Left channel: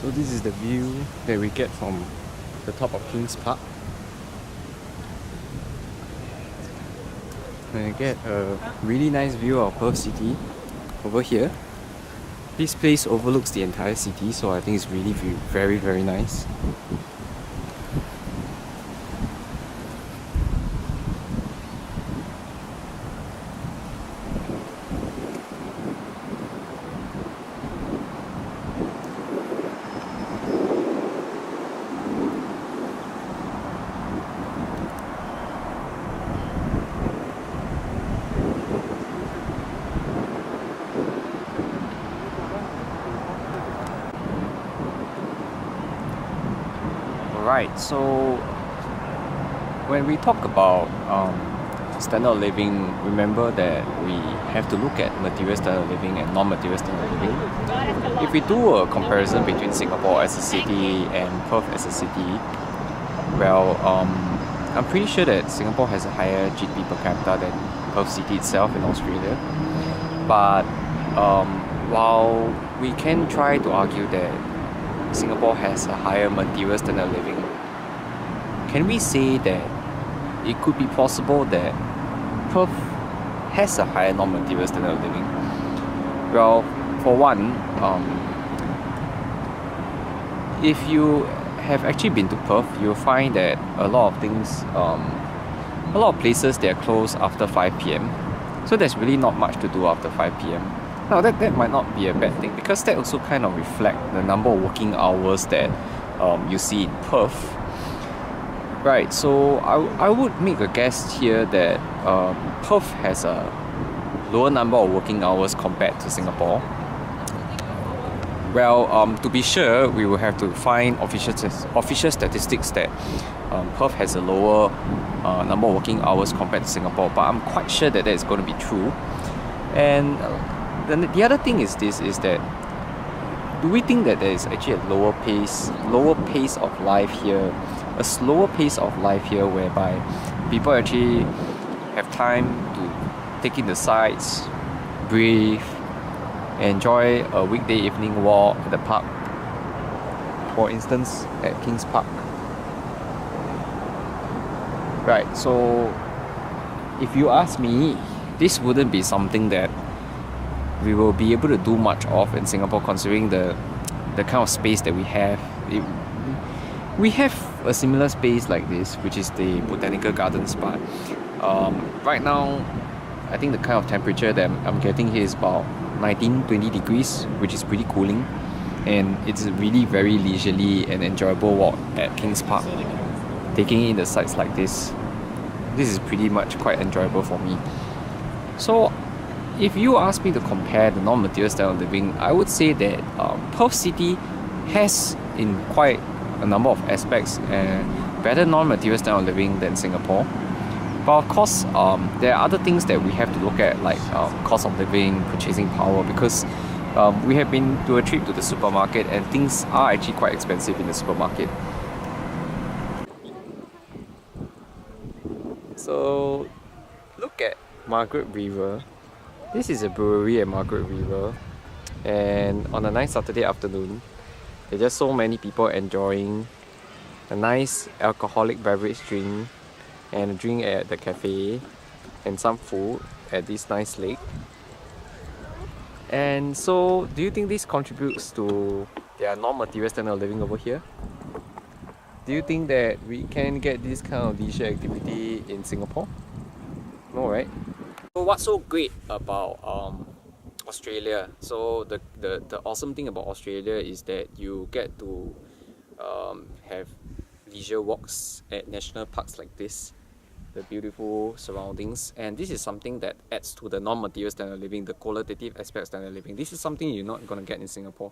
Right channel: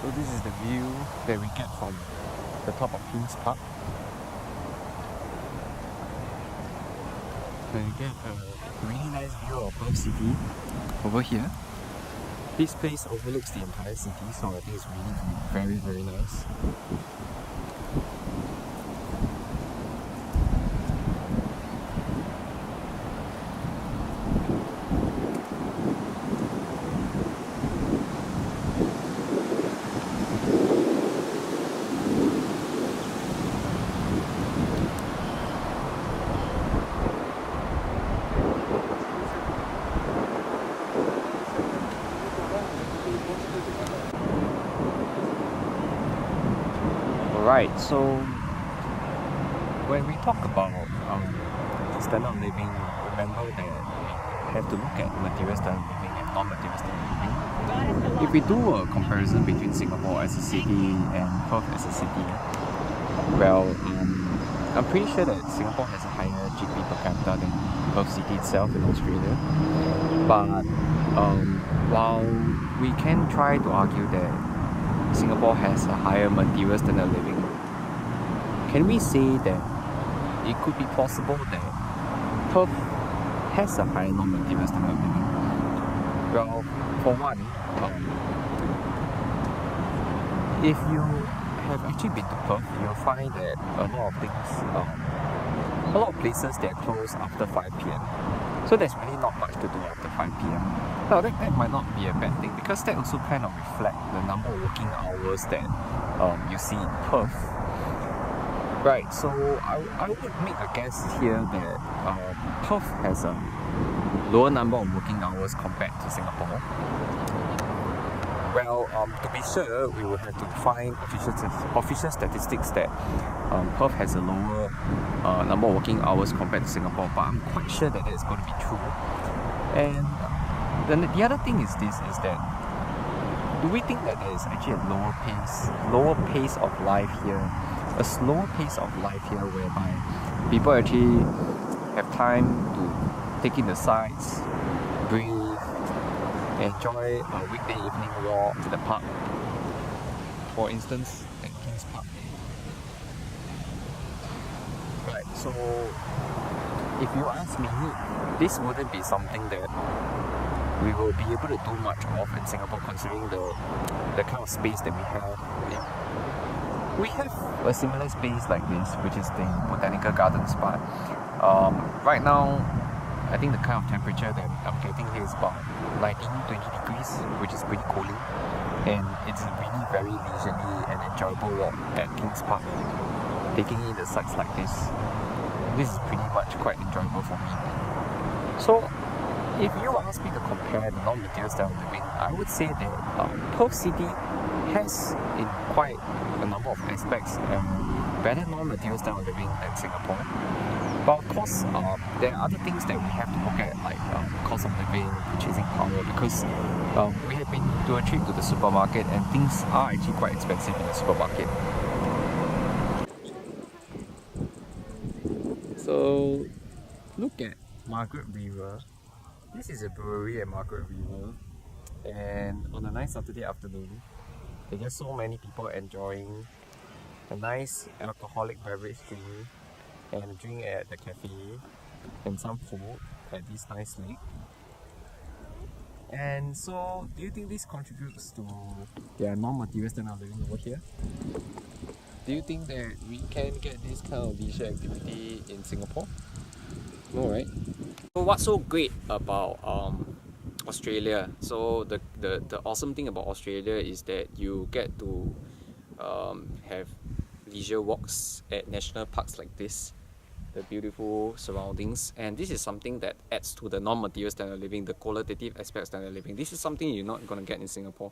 So this is the view that we get from the top of Kings Park. And you get a really nice view of Perth City over here. This place overlooks the entire city, so I think it's really very, very nice. Alright, so when we talk about standard of living, remember that we have to look at material standard of living and non-material standard of living. If we do a comparison between Singapore as a city and Perth as a city, well, I'm pretty sure that Singapore has a higher GDP per capita than Perth City itself in Australia. But while we can try to argue that Singapore has a higher material standard of living, can we say that it could be possible that Perth has a higher non-material standard of living? Well, for one, if you have actually been to Perth, you'll find that a lot of things, a lot of places, they're closed after 5 p.m. So there's really not much to do after 5 p.m. Now that might not be a bad thing, because that also kind of reflects the number of working hours that you see in Perth. Right, so I would make a guess here that Perth has a lower number of working hours compared to Singapore. Well, to be sure, we will have to find official statistics that Perth has a lower number of working hours compared to Singapore, but I'm quite sure that is going to be true. And then the other thing is that, do we think that there is actually a lower pace of life here, a slower pace of life here, whereby people actually have time to take in the sights, breathe, enjoy a weekday evening walk to the park, for instance at Kings Park? Right, so if you ask me, this wouldn't be something that we will be able to do much of in Singapore, considering the kind of space that we have. We have a similar space like this, which is the Botanical Gardens, but right now I think the kind of temperature that I'm getting here is about 19-20 degrees, which is pretty cooling, and it's a really very leisurely and enjoyable walk at Kings Park. Taking in the sights like this is pretty much quite enjoyable for me. So if you ask me to compare the non-material style of living, I would say that Perth City has, in quite a number of aspects, better non-material style of living than Singapore. But of course, there are other things that we have to look at, like cost of living, purchasing power, because we have been to a trip to the supermarket and things are actually quite expensive in the supermarket. So look at Margaret River. This is a brewery at Margaret River, and on a nice Saturday afternoon, there are just so many people enjoying a nice alcoholic beverage drink and a drink at the cafe and some food at this nice lake. And so, do you think this contributes to their non-material standard of living over here? Do you think that we can get this kind of leisure activity in Singapore? No, right? So what's so great about Australia? So the awesome thing about Australia is that you get to have leisure walks at national parks like this, the beautiful surroundings, and this is something that adds to the non-material standard of living, the qualitative aspect of standard of living. This is something you're not going to get in Singapore.